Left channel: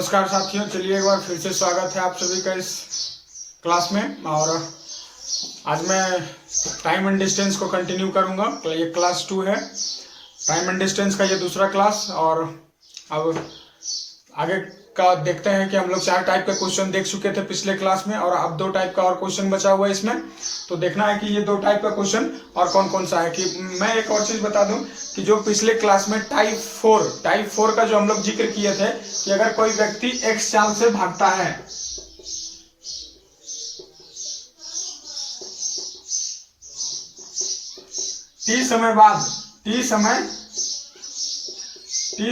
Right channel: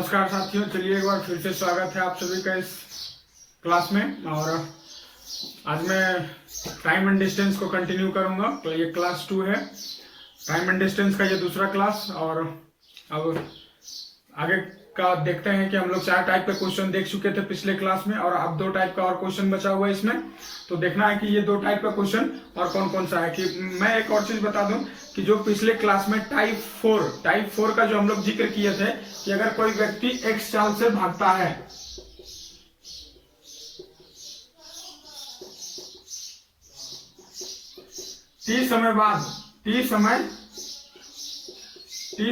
नमस्कार साथियों, चलिए एक बार फिर से स्वागत है आप सभी का इस क्लास में। और आज मैं टाइम एंड डिस्टेंस को कंटिन्यू करूंगा। तो ये क्लास 2 है, टाइम एंड डिस्टेंस का ये दूसरा क्लास। और अब आगे का देखते हैं कि हम लोग 4 टाइप के क्वेश्चन देख चुके थे पिछले क्लास में, और अब 2 टाइप का और क्वेश्चन बचा हुआ है इसमें। तो देखना है कि ये 2 टाइप का क्वेश्चन और कौन कौन सा है। कि मैं एक और चीज बता दूं कि जो पिछले क्लास में टाइप 4 का जो हम लोग जिक्र किए थे कि अगर कोई व्यक्ति x चाल से भागता है, t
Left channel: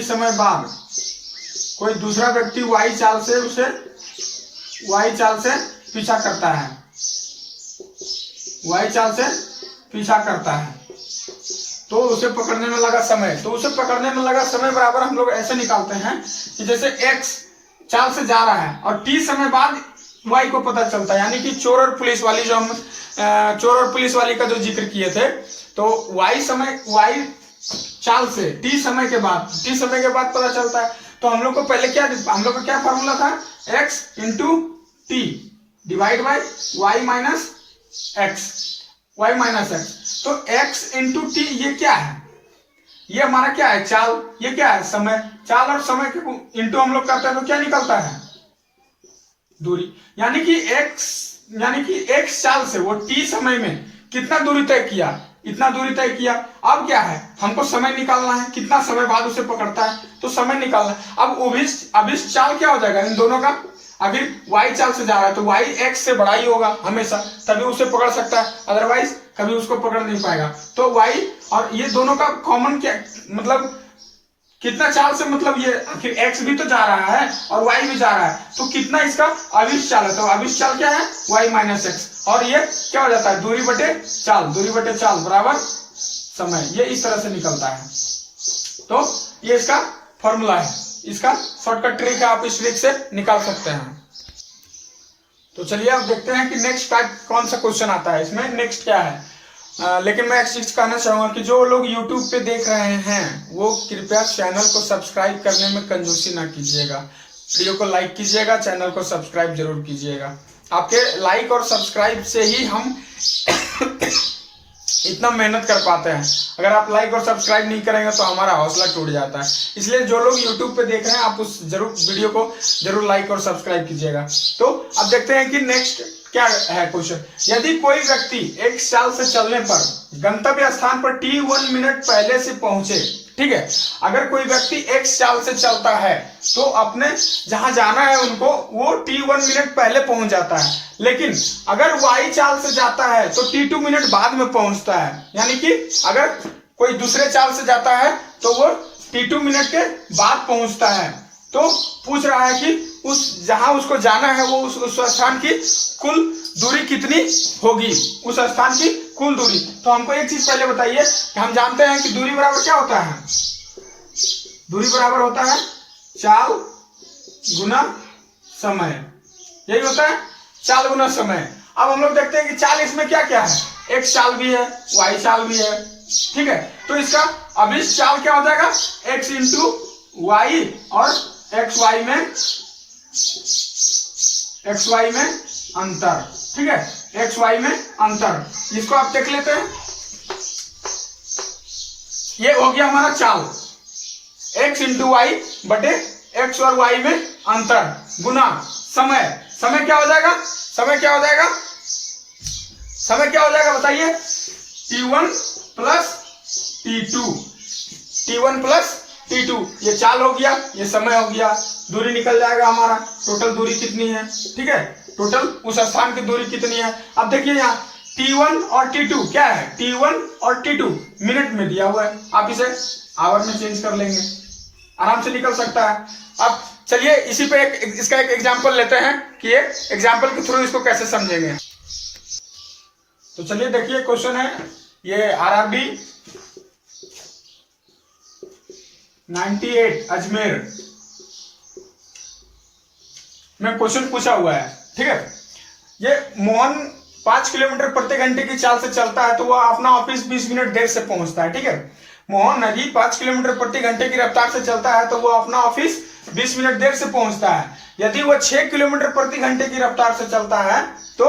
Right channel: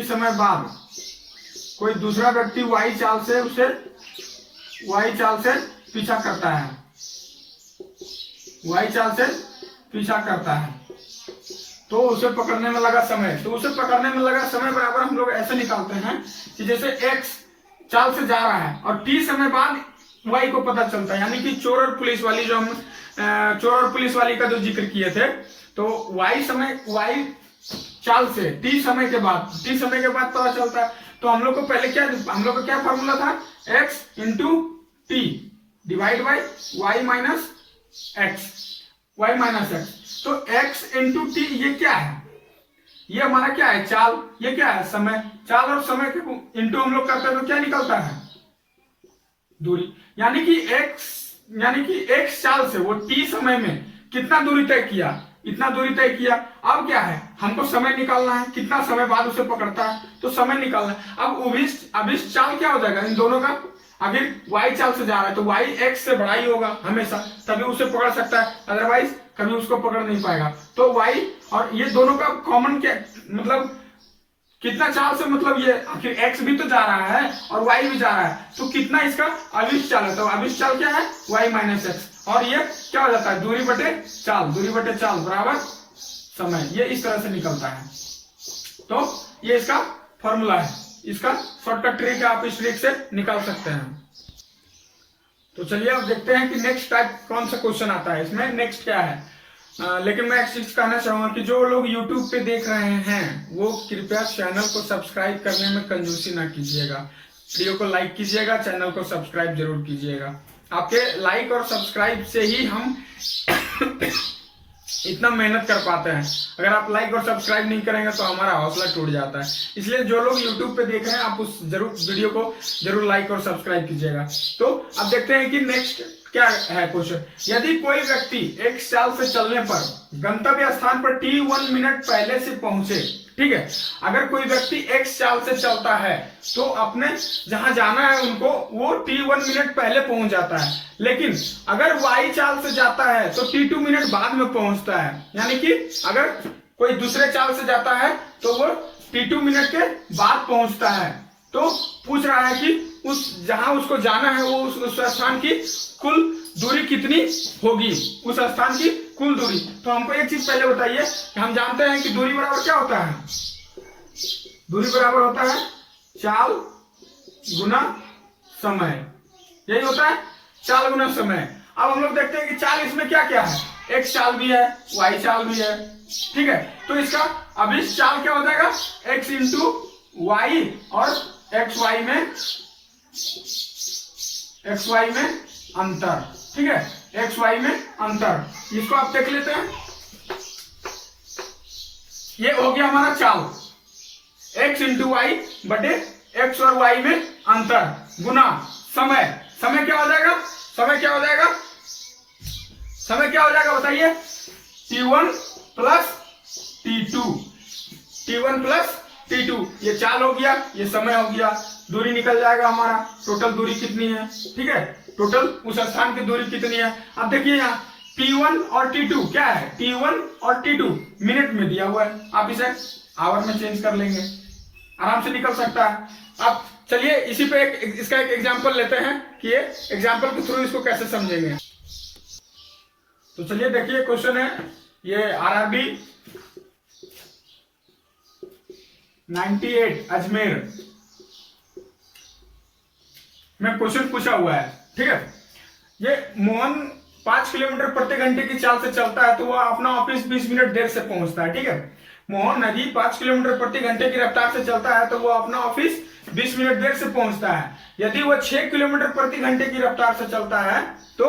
समय बाद कोई दूसरा व्यक्ति y चाल से पीछा करता है, तो उसे पकड़ने में लगा समय बराबर हम लोग ऐसे निकालते हैं कि जैसे x चाल से जा रहा है और t समय बाद y को पता चलता है। यानी कि चोर और पुलिस वाली का जो जिक्र किए थे, तो y चाल से t समय के बाद पता चलता है। तो हम लोग को पहले क्या फार्मूला था, x into T divide by y minus x. तो x इंटू टी ये क्या है, ये हमारा क्या है, चाल। ये क्या है, समय। चाल और समय के इंटू हम लोग करते हैं तो क्या निकलता है, दूरी। यानी कि x चाल से वो t समय में कितना दूरी तय किया, इतना दूरी तय किया। अब क्या है, हमको समय निकालना है, कितना समय बाद उसे पकड़ता है, तो समय निकालना है। अब इस चाल क्या हो जाएगा इन दोनों का, अगर y चाल से जा रहा है तो y x से बड़ा ही होगा हमेशा, तभी उसे पकड़ सकता है, अदरवाइज कभी उसको पकड़ नहीं पाएगा। तो y और ये दोनों का कॉमन क्या मतलब कितना चाल से, मतलब ये आखिर x भी तो जा रहा है और y भी जा रहा है, तो कितना इसका अविश चाल है। तो अविश चाल क्या है, y माइनस एक्स। और ये क्या हो जाता है, दूरी बटे चाल बराबर समय। ये इस तरह से निकलता है। तो ये इसका फॉर्मूला है, इसका शॉर्टकट ट्रिक है, आप इस ट्रिक से निकाल सकते हैं। तो चलिए अब देखते हैं कि नेक्स्ट टाइप कौन सा क्वेश्चन आता है इसमें, नेक्स्ट क्या है। लेकिन मैं एक चीज कहना चाहूंगा कि जो लोग YouTube पे देख रहे हैं वो कृपया चैनल को सब्सक्राइब करने में कंजूसी ना कीजिएगा। वीडियो को लाइक कीजिएगा, चैनल को सब्सक्राइब जरूर कीजिएगा। आपके लाइक और सब्सक्राइब से ही हम इतना मेहनत कर पाते हैं। अगर आप लाइक और सब्सक्राइब नहीं करेंगे तो हमारा हौसला टूट जाता है। इसलिए जो लोग YouTube पे देख रहे हैं आप उस वीडियो को जरूर लाइक और सब्सक्राइब कीजिएगा। तो अब देखते हैं कि नेक्स्ट क्या है क्वेश्चन। यदि कोई व्यक्ति x चाल से चलने पर गंतव्य स्थान पर t1 मिनट पहले से पहुंचे, ठीक है, अगर कोई व्यक्ति x चाल से चलता है तो अपने जहां जाना है उनको वो t1 मिनट पहले पहुंच जाता है। लेकिन अगर y चाल से जाता है तो t2 मिनट बाद में पहुंचता है। यानी कि अगर कोई दूसरे चाल से जाता है तो वो t2 मिनट के बाद पहुंचता है। तो पूछ रहा है कि जहां उसको जाना है वो उस स्थान की कुल दूरी कितनी होगी, उस स्थान की कुल दूरी। तो हमको एक चीज पहले बताइए कि हम जानते हैं कि दूरी बराबर क्या होता है, दूरी बराबर होता है चाल गुना समय। यही होता है चाल गुना समय। अब हम लोग देखते हैं कि चाल इसमें क्या क्या है, x चाल भी है, y चाल भी है, ठीक है। तो इसका अभिष्ट चाल क्या हो जाएगा, x इंटू y और xy में अंतर, ठीक है, xy में अंतर। इसको आप देख लेते हैं, ये हो गया हमारा चाल, x इंटू वाई बटे x और y में अंतर गुना समय क्या हो जाएगा, समय क्या हो जाएगा बताइए, t1 प्लस t2। ये चाल हो गया, ये समय हो गया, दूरी निकल जाएगा हमारा। टोटल दूरी कितनी है, ठीक है, टोटल उस स्थान की दूरी कितनी है। अब देखिए यहाँ t1 और t2 क्या है, t1 और t2 मिनट में दिया हुआ है, आप इसे आवर में चेंज कर लेंगे, आराम से निकल सकता है। अब चलिए इसी पे इसका एक एग्जांपल लेते हैं कि एक एग्जांपल के थ्रू इसको कैसे समझेंगे। तो चलिए देखिए क्वेश्चन है, ये RRB 98 अजमेर में क्वेश्चन पूछा हुआ है, ठीक है। ये मोहन 5 किलोमीटर प्रति घंटे की चाल से चलता है तो वह अपना ऑफिस 20 मिनट देर से पहुंचता है, ठीक है। मोहन नदी 5 किलोमीटर प्रति घंटे की रफ्तार से चलता है तो वह अपना ऑफिस 20 मिनट देर से पहुंचता है। यदि वो 6 किलोमीटर प्रति घंटे की रफ्तार से चलता है तो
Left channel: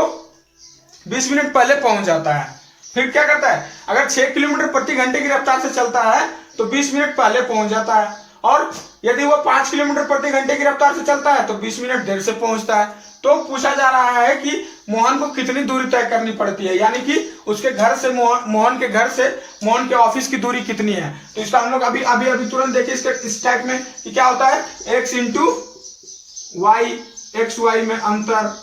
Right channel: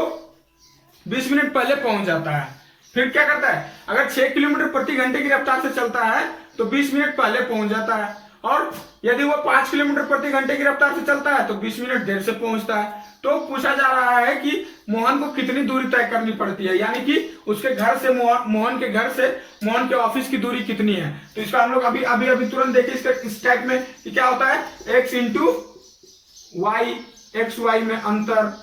20 मिनट पहले पहुंच जाता है। फिर क्या करता है, अगर 6 किलोमीटर प्रति घंटे की रफ्तार से चलता है तो 20 मिनट पहले पहुंच जाता है, और यदि वो 5 किलोमीटर प्रति घंटे की रफ्तार से चलता है तो 20 मिनट देर से पहुंचता है। तो पूछा जा रहा है कि मोहन को कितनी दूरी तय करनी पड़ती है, यानी कि उसके घर से मोहन के घर से मोहन के ऑफिस की दूरी कितनी है। तो इसका हम लोग अभी तुरंत देखिए इसके इस टाइप में कि क्या होता है, x into Y, X Y में अंतर,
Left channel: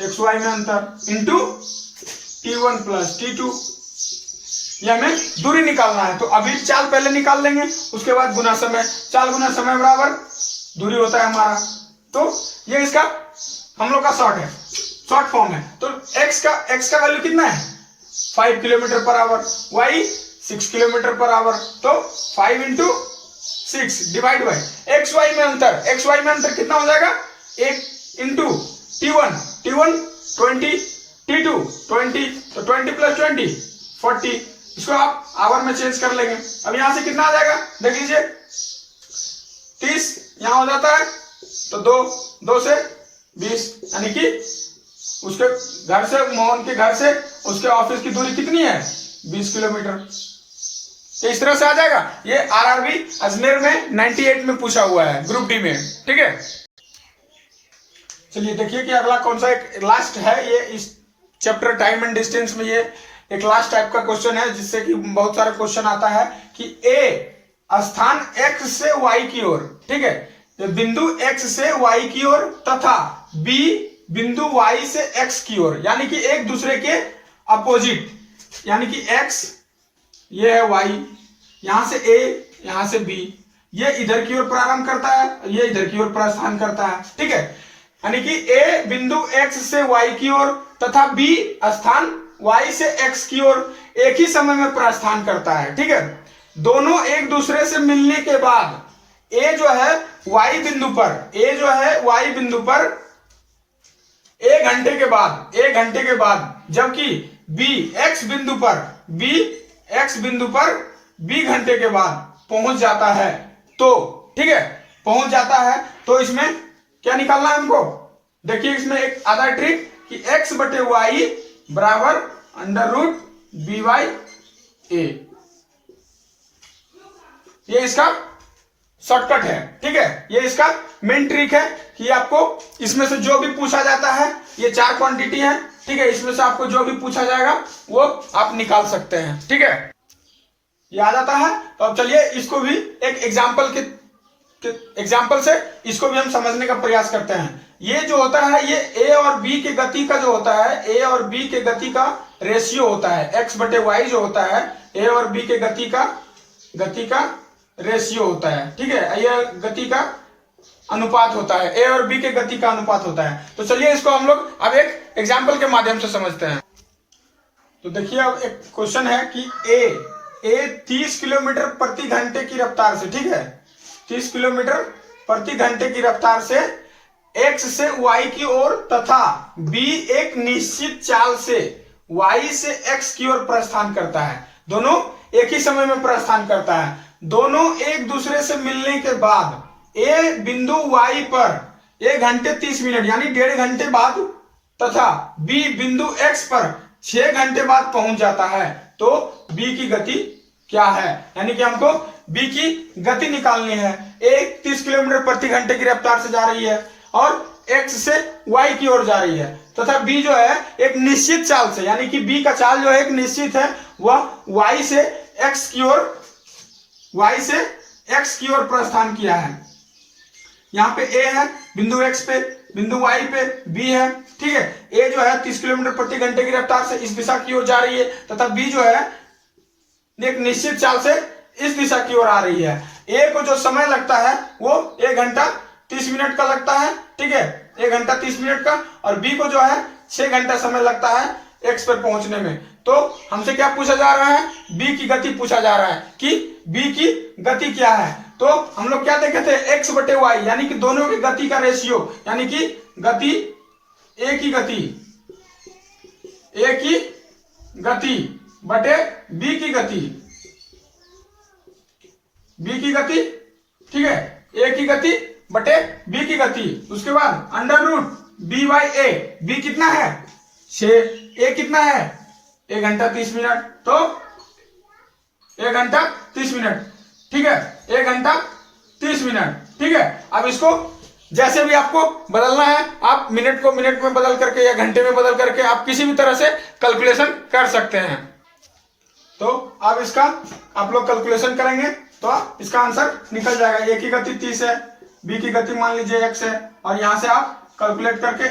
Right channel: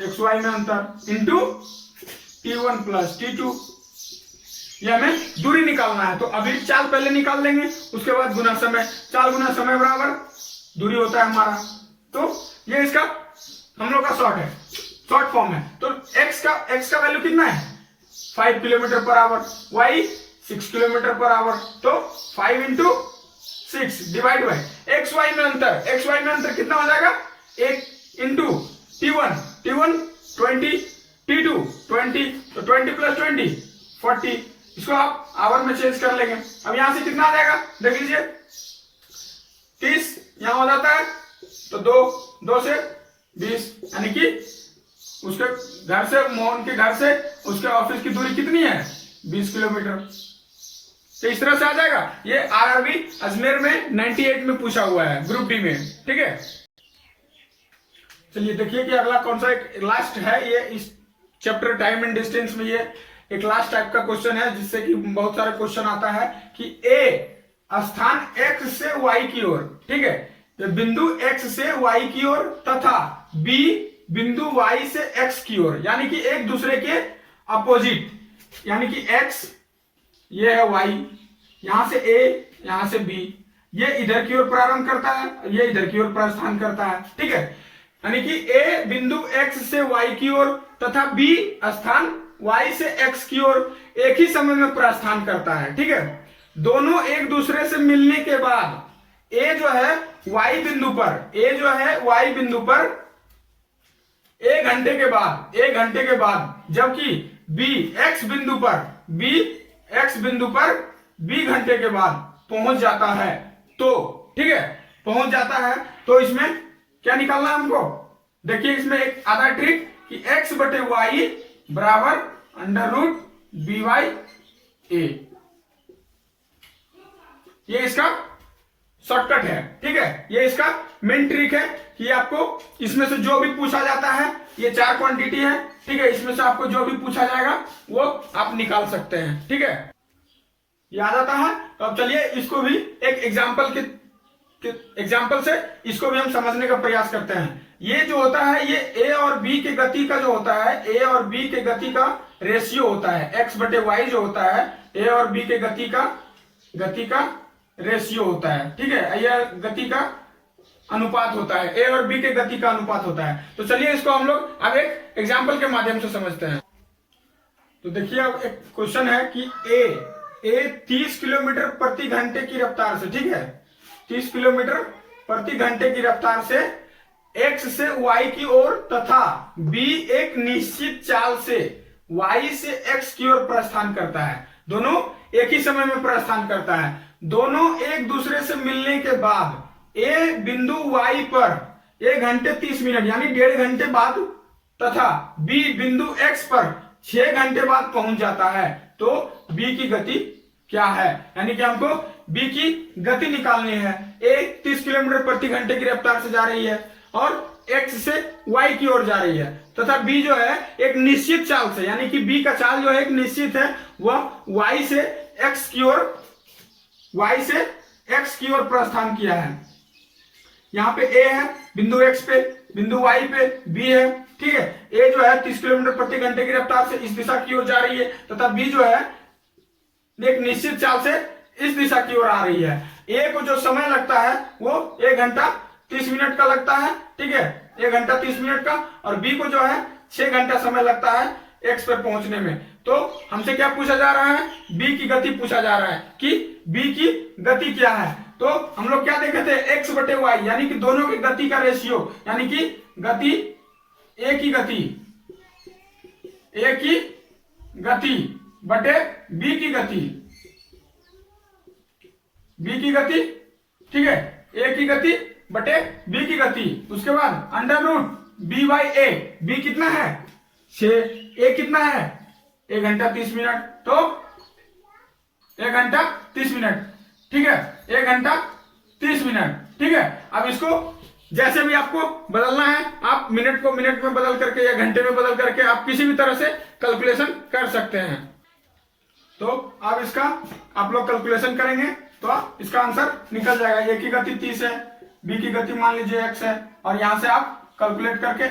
एक्स वाई में अंतर इंटू t1 प्लस t2, ये हमें दूरी निकालना है। तो अभी चाल पहले निकाल लेंगे, उसके बाद गुना समय, चाल गुना समय बराबर दूरी होता है हमारा। तो ये इसका हम लोग का शॉर्ट फॉर्म है। तो x का वैल्यू कितना है, 5 kilometre per hour, y 6 kilometre per hour, तो 5 into 6 divide by X Y में अंतर कितना हो जाएगा, 1 इंटू t1 20, t2 20, तो 20 प्लस 20 40, इसको आप आवर में चेंज कर लेंगे। अब यहां से कितना आ जाएगा, देख लीजिए 30 यहां हो जाता है, तो 2 से 20, यानी कि उसके घर से, मोहन के घर से उसके ऑफिस की दूरी कितनी है, 20 किलोमीटर। तो इस तरह से आ जाएगा। ये आरआरबी अजमेर में 98 में पूछा हुआ है, ग्रुप डी में, ठीक है। चलिए देखिए कि अगला कौन सा एक लास्ट है, ये इस चैप्टर टाइम एंड डिस्टेंस में ये एक लास्ट टाइप का क्वेश्चन है, जिससे कि बहुत सारे क्वेश्चन आता है कि ए स्थान x से y की ओर, ठीक है, तो बिंदु x से y की ओर तथा b बिंदु y से x की ओर, यानी कि एक दूसरे के अपोजिट, यानी कि x ये है y, यहां से a यहां से b, ये इधर की ओर प्रारंभ करता है, ये इधर की ओर प्रस्थान करता है, ठीक है, यानी कि a बिंदु x से y की ओर तथा b स्थान y से x की ओर एक ही समय में प्रस्थान करता है, ठीक है। दोनों एक दूसरे से मिलने के बाद a जो है y बिंदु पर 1 घंटे के बाद, जबकि b x बिंदु पर b घंटे के बाद पहुंच जाता है, तो ठीक है, पहुंच जाता है। तो इसमें क्या निकालना है हमको, देखिए इसमें एक आधा ट्रिक कि x बटे y बराबर अंडर रूट बी वाई ए, ये इसका शॉर्टकट है, ठीक है। ये इसका मेन ट्रिक है कि आपको इसमें से जो भी पूछा जाता है, ये 4 क्वांटिटी है, ठीक है, इसमें से आपको जो भी पूछा जाएगा वो आप निकाल सकते हैं, ठीक है, ये आ जाता है। तो अब चलिए इसको भी एक एग्जाम्पल से इसको भी हम समझने का प्रयास करते हैं। ये जो होता है, ये ए और बी के गति का जो होता है, ए और बी के गति का रेशियो होता है, एक्स बटे वाई जो होता है, ए और बी के गति का रेशियो होता है, ठीक है, यह गति का अनुपात होता है, ए और बी के गति का अनुपात होता है। तो चलिए इसको हम लोग अब एक एग्जाम्पल के माध्यम से समझते हैं। तो देखिए अब एक क्वेश्चन है कि ए 30 किलोमीटर प्रति घंटे की रफ्तार से, ठीक है, 30 किलोमीटर प्रति घंटे की रफ्तार से x से y की ओर तथा b एक निश्चित चाल से y से x की ओर प्रस्थान करता है। दोनों एक ही समय में प्रस्थान करता है। दोनों एक दूसरे से मिलने के बाद a बिंदु y पर 1 घंटे 30 मिनट यानी 1.5 घंटे बाद तथा b बिंदु x पर 6 घंटे बाद पहुंच जाता है। तो b की गति क्या है, यानी कि हमको b की गति निकालनी है। a 30 किलोमीटर प्रति घंटे की रफ्तार से जा रही है और x से y की ओर जा रही है तथा b जो है एक निश्चित चाल से, यानी कि b का चाल जो है एक निश्चित है, वह y से x की ओर प्रस्थान किया है। यहाँ पे a है बिंदु x पे, बिंदु y पे b है, ठीक है। a जो है 30 किलोमीटर प्रति घंटे की रफ्तार से इस दिशा की ओर जा रही है तथा b जो है एक निश्चित चाल से इस दिशा की ओर आ रही है। a को जो समय लगता है वो 1 घंटा 30 मिनट का लगता है, ठीक है, 1 घंटा 30 मिनट का, और b को जो है 6 घंटा समय लगता है x पर पहुंचने में। तो हमसे क्या पूछा जा रहा है, b की गति पूछा जा रहा है कि b की गति क्या है। तो हम लोग क्या देखे थे, x बटे y, यानी कि दोनों की गति का रेशियो, यानी कि गति a की गति बटे b की गति, बी की गति, ठीक है, ए की गति बटे बी की गति, उसके बाद under root B by A, B कितना है 6, ए कितना है 1 घंटा 30 मिनट, तो 1 घंटा 30 मिनट, ठीक है, 1 घंटा 30 मिनट, ठीक है। अब इसको जैसे भी आपको बदलना है, आप मिनट को मिनट में बदल करके या घंटे में बदल करके आप किसी भी तरह से कैलकुलेशन कर सकते हैं। तो अब इसका आप लोग कैलकुलेशन करेंगे तो इसका आंसर निकल जाएगा। ए की गति 30 है, बी की गति मान लीजिए x है, और यहां से आप कैलकुलेट करके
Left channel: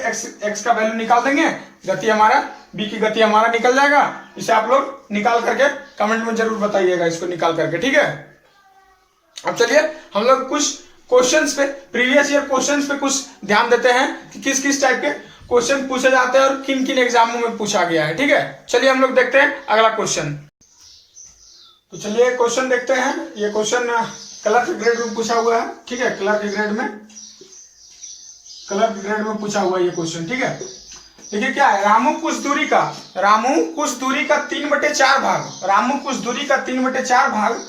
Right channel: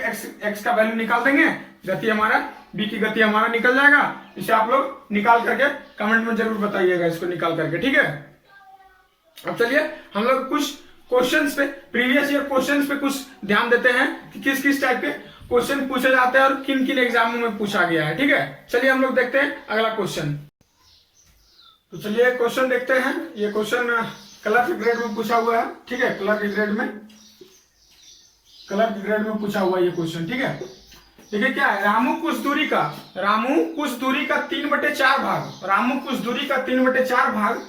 x का वैल्यू निकाल देंगे, गति हमारा बी की गति हमारा निकल जाएगा। इसे आप लोग निकाल करके कमेंट में जरूर बताइएगा इसको निकाल करके, ठीक है। अब चलिए हम लोग कुछ क्वेश्चंस पे, प्रीवियस ईयर क्वेश्चंस पे कुछ ध्यान देते हैं कि किस किस टाइप के क्वेश्चन पूछे जाते हैं और किन किन एग्जामों में पूछा गया है, ठीक है। चलिए हम लोग देखते हैं अगला क्वेश्चन। तो चलिए क्वेश्चन देखते हैं। ये क्वेश्चन क्लर्क ग्रेड में पूछा हुआ है, ठीक है, क्लर्क ग्रेड में पूछा हुआ है ये क्वेश्चन, ठीक है। देखिए क्या है, रामू कुछ दूरी का 3/4 भाग, रामू कुछ दूरी का 3/4 भाग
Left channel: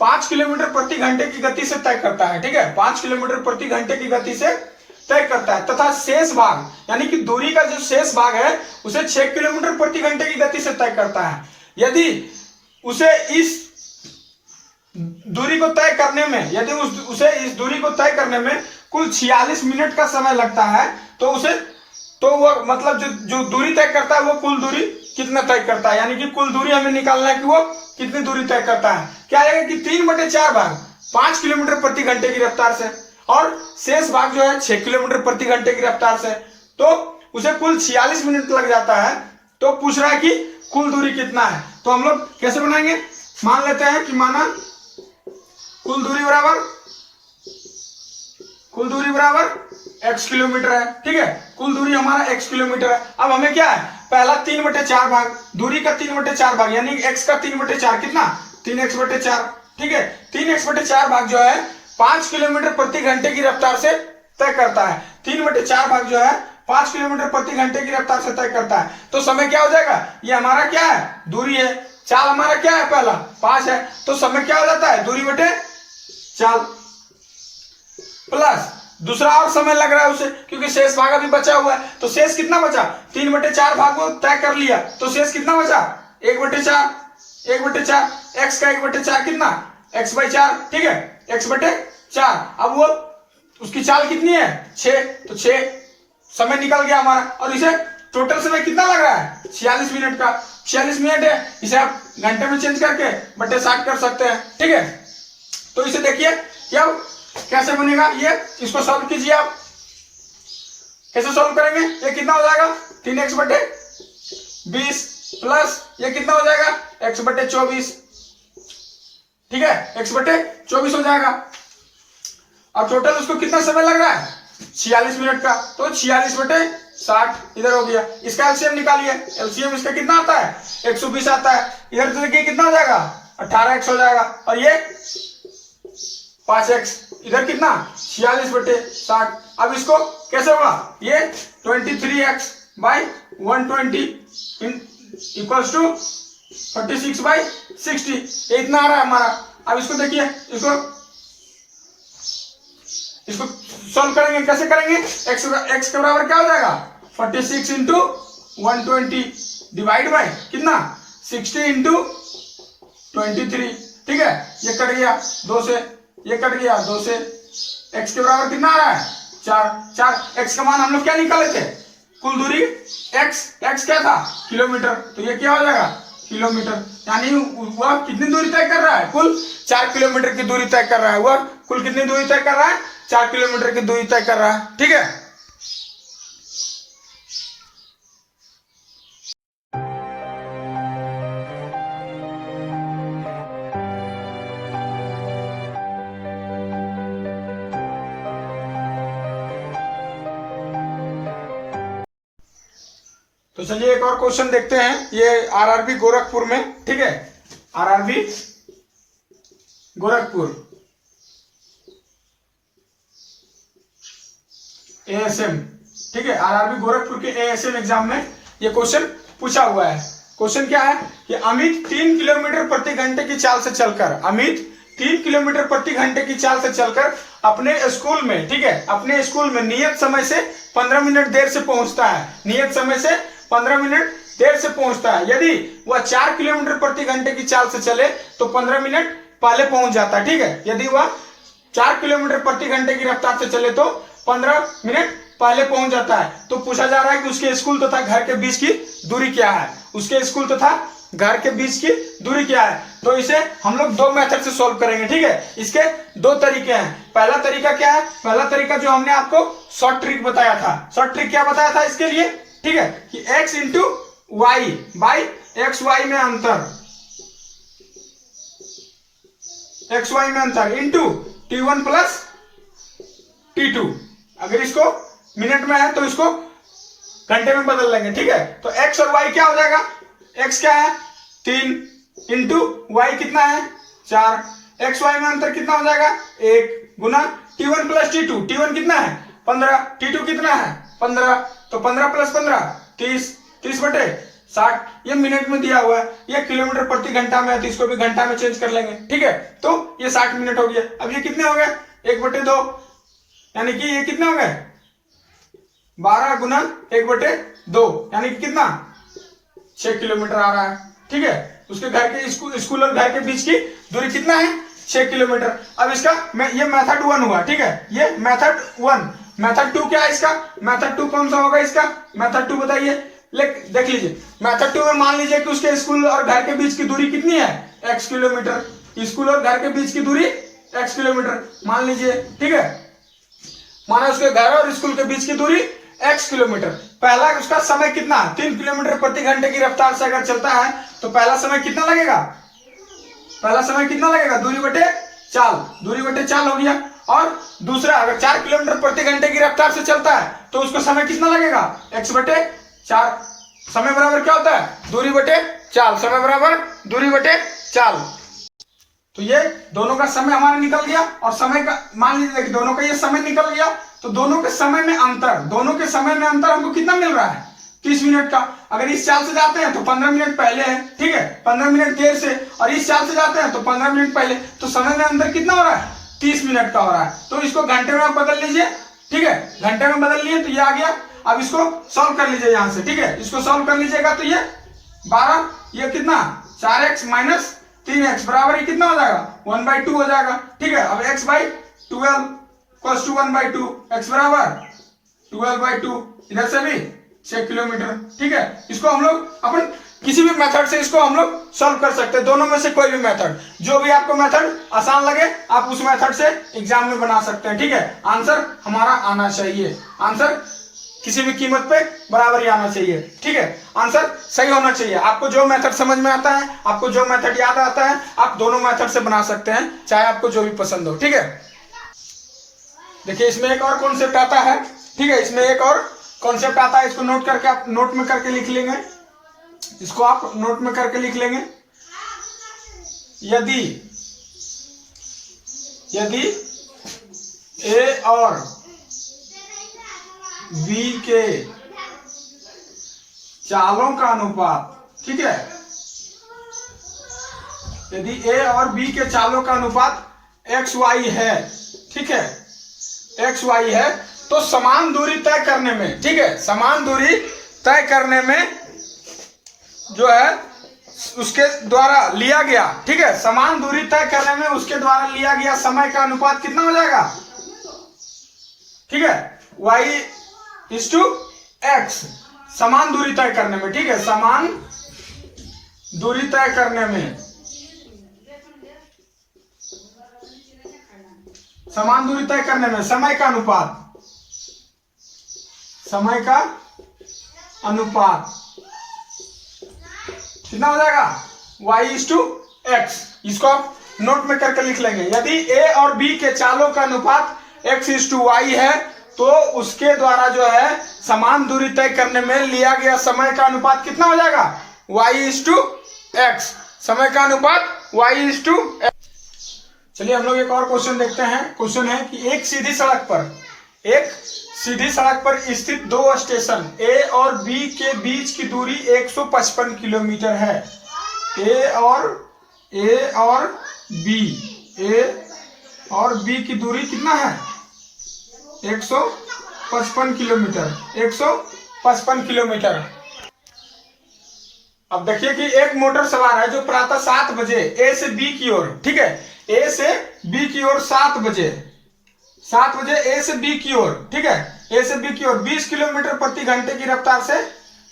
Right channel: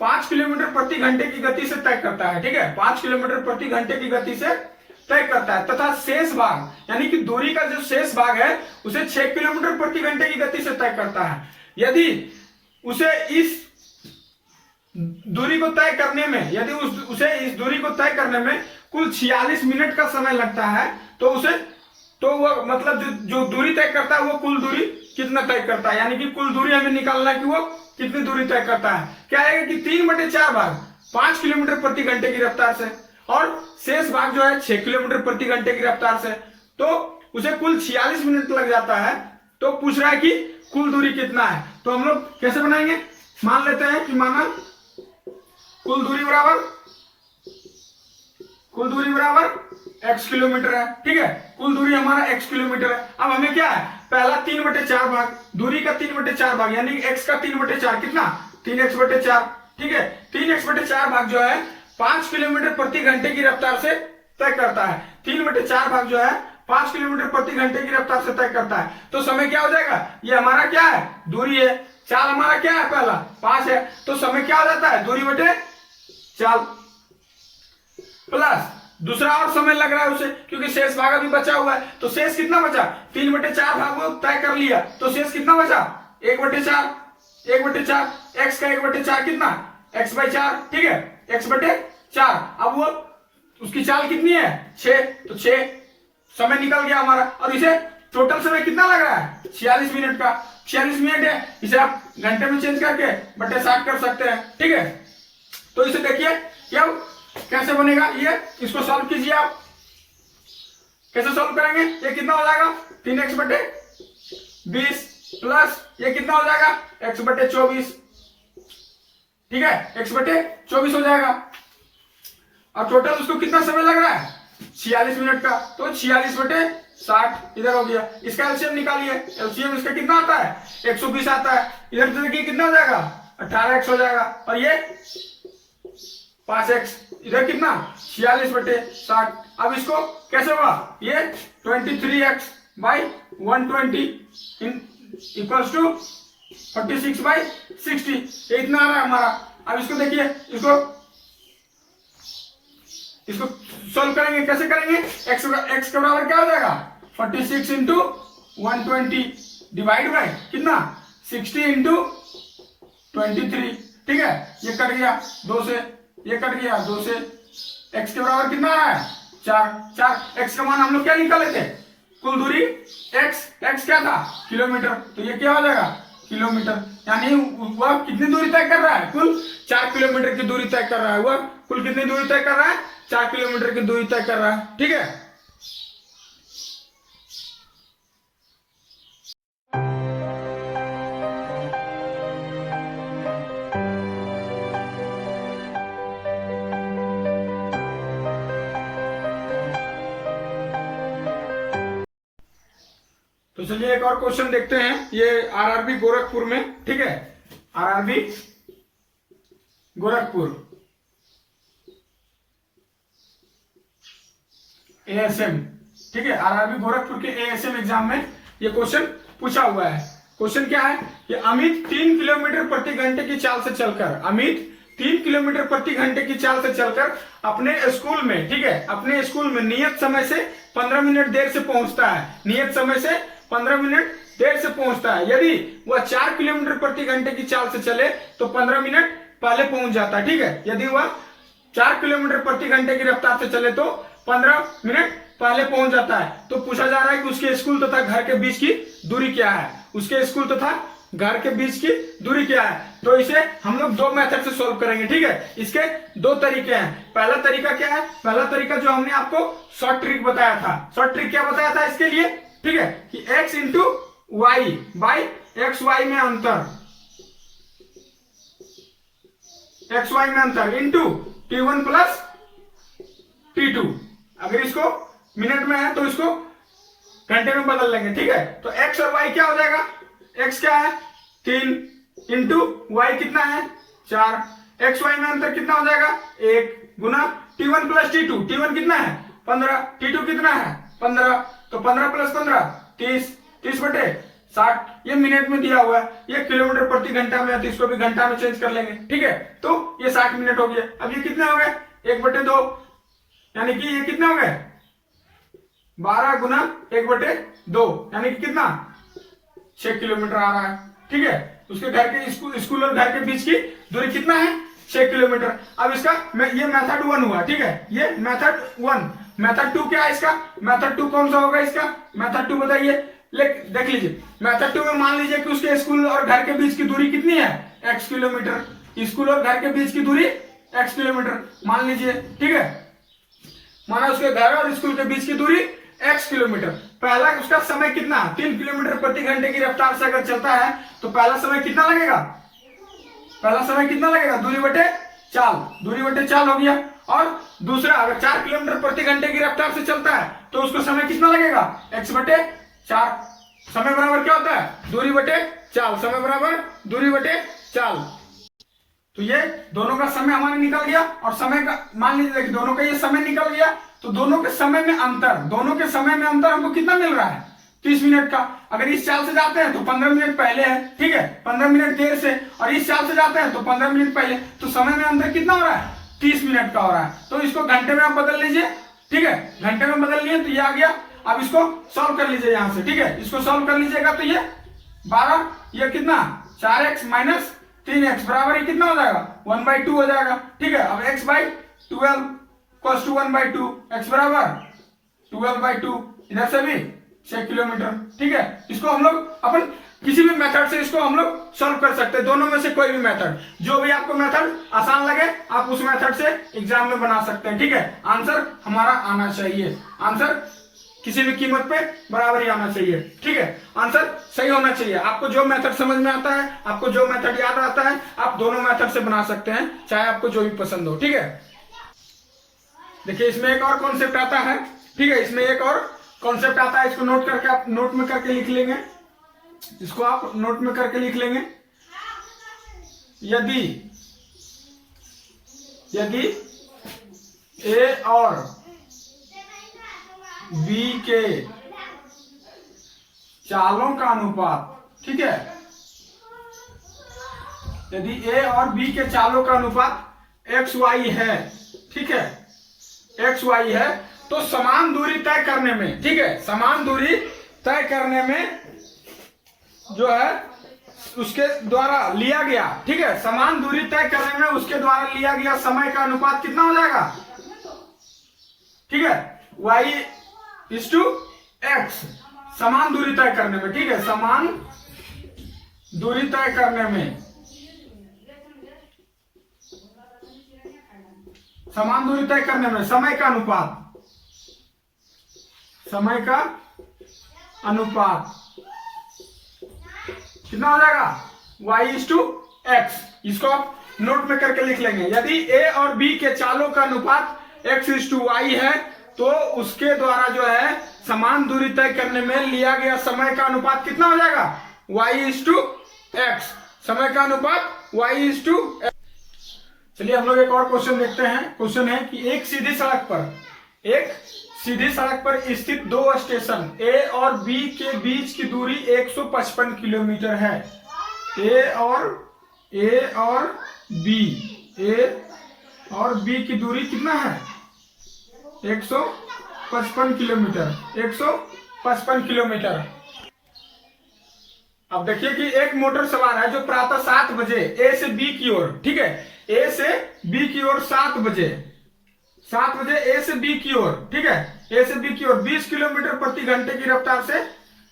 5 किलोमीटर प्रति घंटे की गति से तय करता है, ठीक है, 5 किलोमीटर प्रति घंटे की गति से तय करता है, तथा शेष भाग यानी कि दूरी का जो शेष भाग है उसे 6 किलोमीटर प्रति घंटे की गति से तय करता है। यदि उसे इस दूरी को तय करने में, यदि उसे इस दूरी को तय करने में कुल 46 मिनट का समय लगता है, तो वो मतलब जो दूरी तय करता है वो कुल दूरी कितना तय करता है, यानी कि कुल दूरी हमें निकालना है कि वो कितनी दूरी तय करता है। क्या आएगा कि 3/4 भाग 5 किलोमीटर प्रति घंटे की रफ्तार से और शेष भाग जो है 6 किलोमीटर प्रति घंटे की रफ्तार से, तो उसे कुल 46 मिनट लग जाता है। तो पूछ रहा है कि कुल दूरी कितना है, तो हम लोग कैसे बनाएंगे, मान लेते हैं कि माना कुल दूरी बराबर x किलोमीटर है, ठीक है, कुल दूरी हमारा x किलोमीटर है। अब हमें क्या है, पहला 3/4 भाग, दूरी का 3/4 भाग यानी x का 3/4 कितना 3x/4, ठीक है, 3x/4 भाग जो है 5 किलोमीटर प्रति घंटे की रफ्तार से तय करता है। 3/4 भाग जो है 5 किलोमीटर प्रति घंटे की रफ्तार से तय करता है। तो समय क्या हो जाएगा, ये हमारा क्या है, दूरी है, चाल हमारा क्या है, पहला 5 है, तो समय क्या हो जाता है, दूरी बटे चाल, प्लस दूसरा और समय लग रहा है उसे, क्योंकि शेष भाग अभी बचा हुआ है। तो शेष कितना बचा, 3/4 भाग को तय कर लिया, तो शेष कितना बचा 1/4, x का 1/4 कितना x/4, ठीक है, x/4। अब वो उसकी चाल कितनी है 6, तो 6 समय निकल गया हमारा, और इसे टोटल समय कितना लग रहा है 46 मिनट का, 46 मिनट है, इसे आप घंटे में चेंज करके बटे 60 कर सकते हैं, ठीक है। तो इसे देखिए क्या कैसे बनेगा, ये इसको सॉल्व कीजिए आप, कैसे सॉल्व करेंगे, ये कितना हो जाएगा 3x/20 प्लस ये कितना हो जाएगा x/24, ठीक है, x/24 हो जाएगा। अब टोटल उसको कितना समय लग रहा है 46 मिनट का, तो 46/60 इधर हो गया। इसका एलसीएम निकालिए, एलसीएम इसका कितना आता है 120 आता है, इधर से देखिए कितना हो जाएगा 18x हो जाएगा, और ये 5x, इधर कितना 46/60। अब इसको कैसे होगा, ये 23x/120 इक्वल्स टू 46/60, ये इतना आ रहा है हमारा। अब इसको देखिए, इसको सॉल्व करेंगे, कैसे करेंगे, x के बराबर क्या हो जाएगा 46 × 120 डिवाइड बाय कितना 60 × 23, ठीक है, ये कट गया 2 से, ये कट गया 2 से, x के बराबर कितना आ रहा है 4। x का मान हम लोग क्या निकाले थे, कुल दूरी x क्या था किलोमीटर, तो ये क्या हो जाएगा किलोमीटर, यानी वह कितनी दूरी तय कर रहा है, कुल 4 किलोमीटर की दूरी तय कर रहा है, वह कुल कितनी दूरी तय कर रहा है 4 किलोमीटर की दूरी तय कर रहा है, ठीक है। तो चलिए एक और क्वेश्चन देखते हैं, ये आरआरबी गोरखपुर में, ठीक है, आरआरबी गोरखपुर एएसएम, ठीक है, आरआरबी गोरखपुर के एएसएम एग्जाम में ये क्वेश्चन पूछा हुआ है। क्वेश्चन क्या है कि अमित 3 किलोमीटर प्रति घंटे की चाल से चलकर 3 किलोमीटर प्रति घंटे की चाल से चलकर अपने स्कूल में, ठीक है, अपने स्कूल में नियत समय से 15 मिनट देर से पहुंचता है, नियत समय से 15 मिनट देर से पहुंचता है। यदि वह 4 किलोमीटर प्रति घंटे की चाल से चले तो 15 मिनट पहले पहुंच जाता है, ठीक है। यदि वह 4 किलोमीटर प्रति घंटे की रफ्तार से चले तो 15 मिनट पहले पहुंच जाता है। तो पूछा जा रहा है कि उसके स्कूल तथा घर के बीच की दूरी क्या है, उसके स्कूल तथा घर के बीच की दूरी क्या है। तो इसे हम लोग दो मेथड से सॉल्व करेंगे, ठीक है। इसके दो तरीके हैं। पहला तरीका क्या है, पहला तरीका जो हमने आपको शॉर्ट ट्रिक बताया था, शॉर्ट ट्रिक क्या बताया था इसके लिए, ठीक है, कि x into Y by X Y में अंतर, एक्स वाई में अंतर इंटू T1 प्लस T2। अगर इसको मिनट में है तो इसको घंटे में बदल लेंगे, ठीक है। तो x और y क्या हो जाएगा, x क्या है 3 इंटू y कितना है 4, एक्स वाई में अंतर कितना हो जाएगा 1 गुना T1 प्लस T2, T1 कितना है 15, T2 कितना है 15, तो 15 प्लस 15 30, 30 बटे 60, ये मिनट में दिया हुआ है, ये किलोमीटर प्रति घंटा में है तो इसको भी घंटा में चेंज कर लेंगे, ठीक है। तो ये 60 मिनट हो गया। अब ये कितने हो गए 1/2, यानी कि ये कितने हो गए 12 गुना 1/2, यानी कि कितना 6 किलोमीटर आ रहा है, ठीक है। उसके घर के स्कूल और घर के बीच की दूरी कितना है 6 किलोमीटर। अब इसका ये मेथड 1 हुआ, ठीक है, ये मेथड 1। मेथड 2 क्या है इसका, मेथड 2 कौन सा होगा इसका, मेथड 2 बताइए, देख लीजिए। मेथड 2 में मान लीजिए कि उसके स्कूल और घर के बीच की दूरी कितनी है x किलोमीटर, स्कूल और घर के बीच की दूरी x किलोमीटर मान लीजिए, ठीक है। माना उसके घर और स्कूल के बीच की दूरी x किलोमीटर। पहला उसका समय कितना 3 किलोमीटर प्रति घंटे की रफ्तार से अगर चलता है तो पहला समय कितना लगेगा, पहला समय कितना लगेगा दूरी बटे चाल, दूरी बटे चाल हो गया। और दूसरा अगर 4 किलोमीटर प्रति घंटे की रफ्तार से चलता है तो उसको समय कितना लगेगा x बटे 4। समय बराबर क्या होता है दूरी बटे चाल, समय बराबर दूरी बटे चाल। तो ये दोनों का समय हमारा निकल गया और समय का मान लीजिए कि दोनों का ये समय निकल गया तो दोनों के समय में अंतर, दोनों के समय में अंतर हमको कितना मिल रहा है 30 मिनट का। अगर इस चाल से जाते हैं तो 15 मिनट पहले है, ठीक है, 15 मिनट देर से, और इस चाल से जाते हैं तो 15 मिनट पहले, तो समय में अंतर कितना हो रहा है 30 मिनट का हो रहा है। तो इसको घंटे में आप बदल लीजिए, ठीक है, घंटे में बदल लिए तो ये आ गया। अब इसको सॉल्व कर लीजिए यहां से, ठीक है, इसको सॉल्व कर लीजिएगा तो ये 12, ये कितना 4x माइनस 3x बराबर ये कितना हो जाएगा 1/2 हो जाएगा, ठीक है। अब x by 12 equals to 1/2, x बराबर 12/2, इधर से भी 6 किलोमीटर, ठीक है। इसको हम लोग अपन किसी भी मेथड से इसको हम लोग सॉल्व कर सकते हैं, दोनों में से कोई भी मेथड, जो भी आपको मेथड आसान लगे आप उस मेथड से एग्जाम में बना सकते हैं, ठीक है। आंसर हमारा आना चाहिए, आंसर किसी भी कीमत पे बराबर ही आना चाहिए, ठीक है, आंसर सही होना चाहिए। आपको जो मेथड समझ में आता है, आपको जो मेथड याद आता है, आप दोनों मेथड से बना सकते हैं, चाहे आपको जो भी पसंद हो, ठीक है। देखिए इसमें एक और कॉन्सेप्ट आता है, ठीक है, इसमें एक और कॉन्सेप्ट आता है, इसको नोट करके आप नोट में करके लिख लेंगे, इसको आप नोट में करके लिख लेंगे। यदि ए और बी के चालों का अनुपात, ठीक है, यदि ए और बी के चालों का अनुपात एक्स वाई है, ठीक है, एक्स वाई है, तो समान दूरी तय करने में, ठीक है, समान दूरी तय करने में जो है उसके द्वारा लिया गया, ठीक है, समान दूरी तय करने में उसके द्वारा लिया गया समय का अनुपात कितना हो जाएगा, ठीक है, y/x, समान दूरी तय करने में, ठीक है, समान दूरी तय करने में, समान दूरी तय करने में समय का अनुपात, समय का अनुपात कितना हो जाएगा y/x। इसको आप नोट में करके लिख लेंगे। यदि a और b के चालों का अनुपात x/y है तो उसके द्वारा जो है समान दूरी तय करने में लिया गया समय का अनुपात कितना हो जाएगा y/x, समय का अनुपात y/x। चलिए हम लोग एक और क्वेश्चन देखते हैं। क्वेश्चन है कि एक सीधी सड़क पर स्थित दो स्टेशन A और B के बीच की दूरी 155 किलोमीटर है। A और B ए और बी की दूरी कितना है? 155 किलोमीटर, 155 किलोमीटर। अब देखिए कि एक मोटर सवार है जो प्रातः 7 बजे ए से बी की ओर, ठीक है, ए से बी की ओर 7 बजे ए से बी की ओर, ठीक है, ए से बी की ओर 20 किलोमीटर प्रति घंटे की रफ्तार से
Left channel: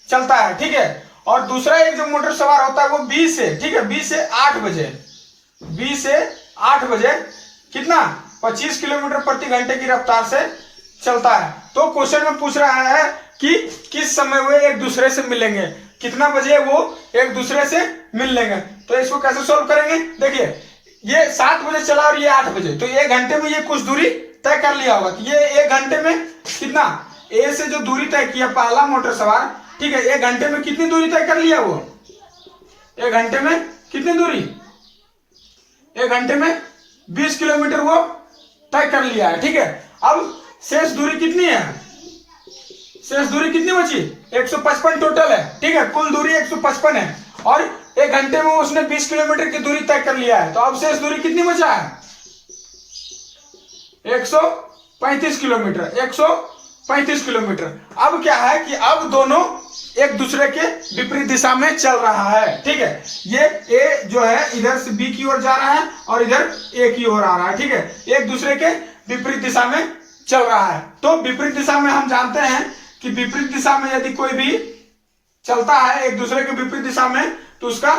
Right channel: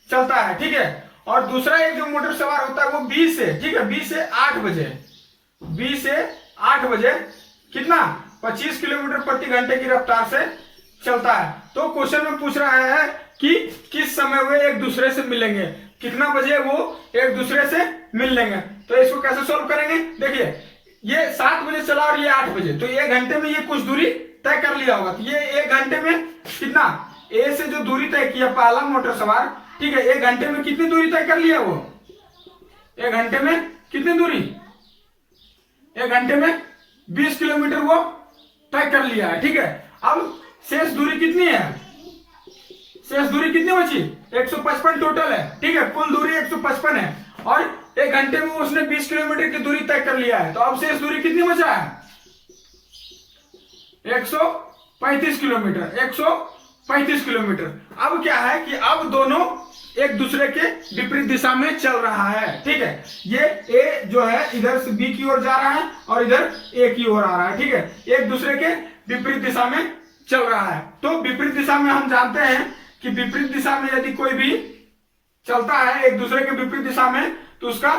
चलता है, ठीक है। और दूसरा एक जो मोटर सवार होता है वो बी से, ठीक है, बी से 8 बजे कितना 25 किलोमीटर प्रति घंटे की रफ्तार से चलता है। तो क्वेश्चन में पूछ रहा है कि किस समय वे एक दूसरे से मिलेंगे, कितना बजे वो एक दूसरे से मिल लेंगे। तो इसको कैसे सोल्व करेंगे? देखिए ये 7 बजे चला और ये 8 बजे, तो 1 घंटे में ये कुछ दूरी तय कर लिया होगा। तो ये 1 घंटे में कितना, ए से जो दूरी तय किया पहला मोटर सवार, ठीक है, 1 घंटे में कितनी दूरी तय कर लिया वो? 1 घंटे में कितनी दूरी? 1 घंटे में 20 किलोमीटर वो तय कर लिया है, ठीक है। अब शेष दूरी कितनी है? शेष दूरी कितनी बची? 155 टोटल है, ठीक है, कुल दूरी 155 है और 1 घंटे में उसने 20 किलोमीटर की दूरी तय कर लिया है। तो अब शेष दूरी कितनी बचा है? 135 किलोमीटर, 135 किलोमीटर। अब क्या है कि अब दोनों एक दूसरे के विपरीत दिशा में चल रहा है, ठीक है। ये ए जो है इधर से बी की ओर जा रहा है और इधर ए की ओर आ रहा है, ठीक है, एक दूसरे के विपरीत दिशा में चल रहा है। तो विपरीत दिशा में हम जानते हैं कि विपरीत दिशा में यदि कोई भी चलता है एक दूसरे के विपरीत दिशा में तो उसका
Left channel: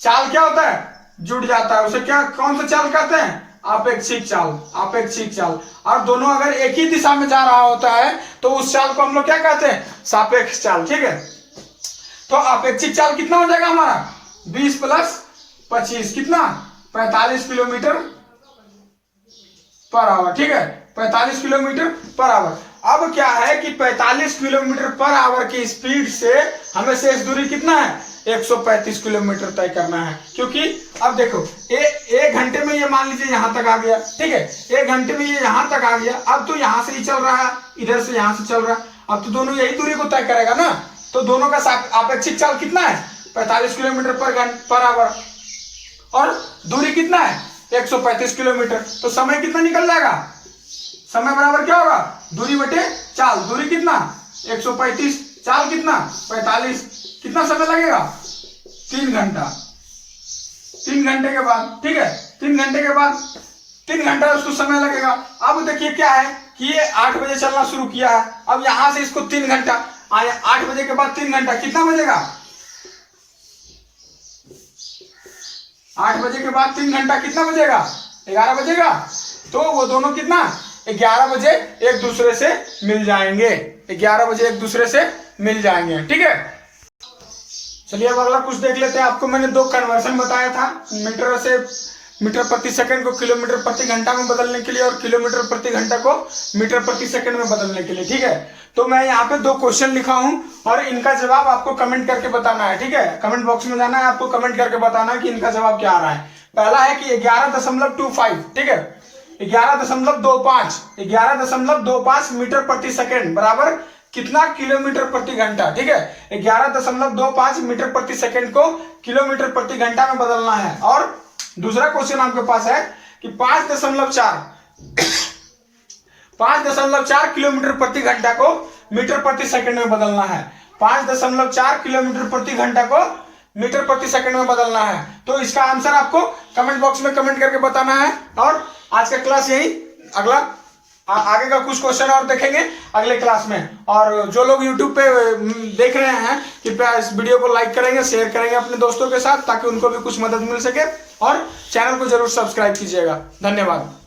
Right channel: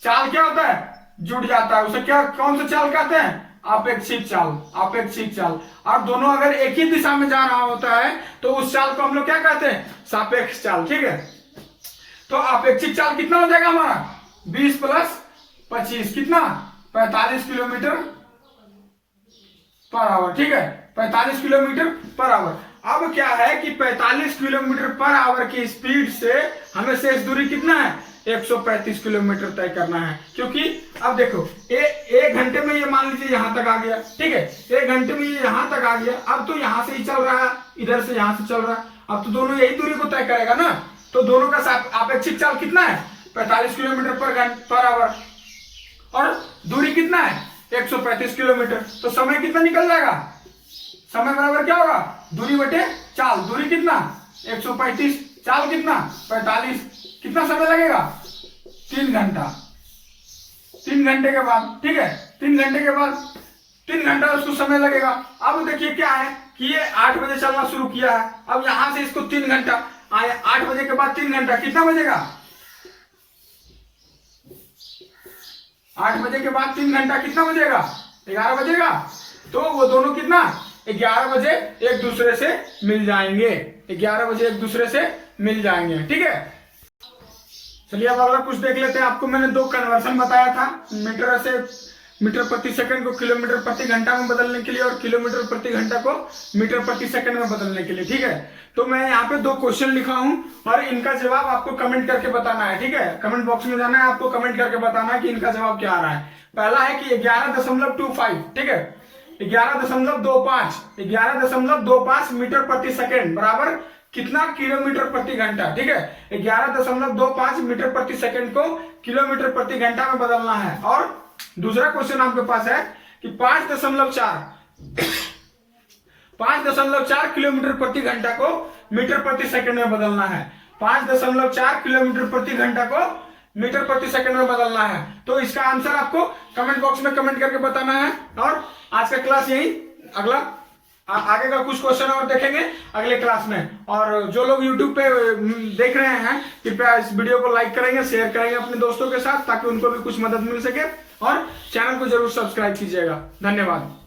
चाल क्या होता है? जुड़ जाता है। उसे क्या, कौन सा चाल कहते हैं? आपेक्षिक चाल, आपेक्षिक चाल। और दोनों अगर एक ही दिशा में जा रहा होता है तो उस चाल को हम लोग क्या कहते हैं? सापेक्ष चाल, ठीक है। तो आपेक्षिक चाल कितना हो जाएगा हमारा? 20 + 25 कितना? 45 किलोमीटर पर आवर, ठीक है, 45 किलोमीटर पर आवर। अब क्या है कि 45 किलोमीटर पर आवर की स्पीड से हमें शेष दूरी कितना है? 135 किलोमीटर तय करना है। क्योंकि अब देखो एक घंटे में ये मान लीजिए यहां तक आ गया, ठीक है, 1 घंटे में ये यहां तक आ गया। अब तो यहां से ही चल रहा है, इधर से यहां से चल रहा है, अब तो दोनों यही दूरी को तय करेगा ना। तो दोनों का आपेक्षिक चाल कितना है? 45 किलोमीटर पर आवर और दूरी कितना है? 135 किलोमीटर। तो समय कितना निकल जाएगा? समय बराबर क्या होगा? दूरी बटे चाल। दूरी कितना? 135, चाल कितना? 45। कितना समय लगेगा? 3 घंटा। 3 घंटे के बाद, ठीक है, 3 घंटे के बाद 3 घंटा उसको समय लगेगा। अब देखिए क्या है कि ये 8 बजे चलना शुरू किया है, अब यहां से इसको 3 घंटा, 8 बजे के बाद 3 घंटा, कितना बजेगा? 8 बजे के बाद 3 घंटा कितना बजेगा? 11 बजेगा। तो वो दोनों कितना 11 बजे एक दूसरे से मिल जाएंगे, 11 बजे एक दूसरे से मिल जाएंगे, ठीक है। चलिए अब अगला कुछ देख लेते हैं। आपको मैंने 2 कन्वर्सन बताया था, मीटर प्रति सेकंड को किलोमीटर प्रति घंटा में बदलने के लिए और किलोमीटर प्रति घंटा को मीटर प्रति सेकंड में बदलने के लिए, ठीक है। तो मैं यहाँ पे 2 क्वेश्चन लिखा हूं और इनका जवाब आपको कमेंट करके बताना है, ठीक है। कमेंट बॉक्स में जाना है, आपको कमेंट करके बताना है कि इनका जवाब क्या आ रहा है। पहला है कि 11.25, ठीक है, 11.25 मीटर प्रति सेकंड बराबर कितना किलोमीटर प्रति घंटा, ठीक है। 11.25 मीटर प्रति सेकंड को किलोमीटर प्रति घंटा में बदलना है। और दूसरा क्वेश्चन आपके पास है कि 5.4 किलोमीटर प्रति घंटा को मीटर प्रति सेकंड में बदलना है। 5.4 किलोमीटर प्रति घंटा को मीटर प्रति सेकंड में बदलना है। तो इसका आंसर आपको कमेंट बॉक्स में कमेंट करके बताना है। और आज का क्लास यही, अगला आगे का कुछ क्वेश्चन और देखेंगे अगले क्लास में। और जो लोग YouTube पे देख रहे हैं कृपया इस वीडियो को लाइक करेंगे, शेयर करेंगे अपने दोस्तों के साथ ताकि उनको भी कुछ मदद मिल सके, और चैनल को जरूर सब्सक्राइब कीजिएगा। धन्यवाद।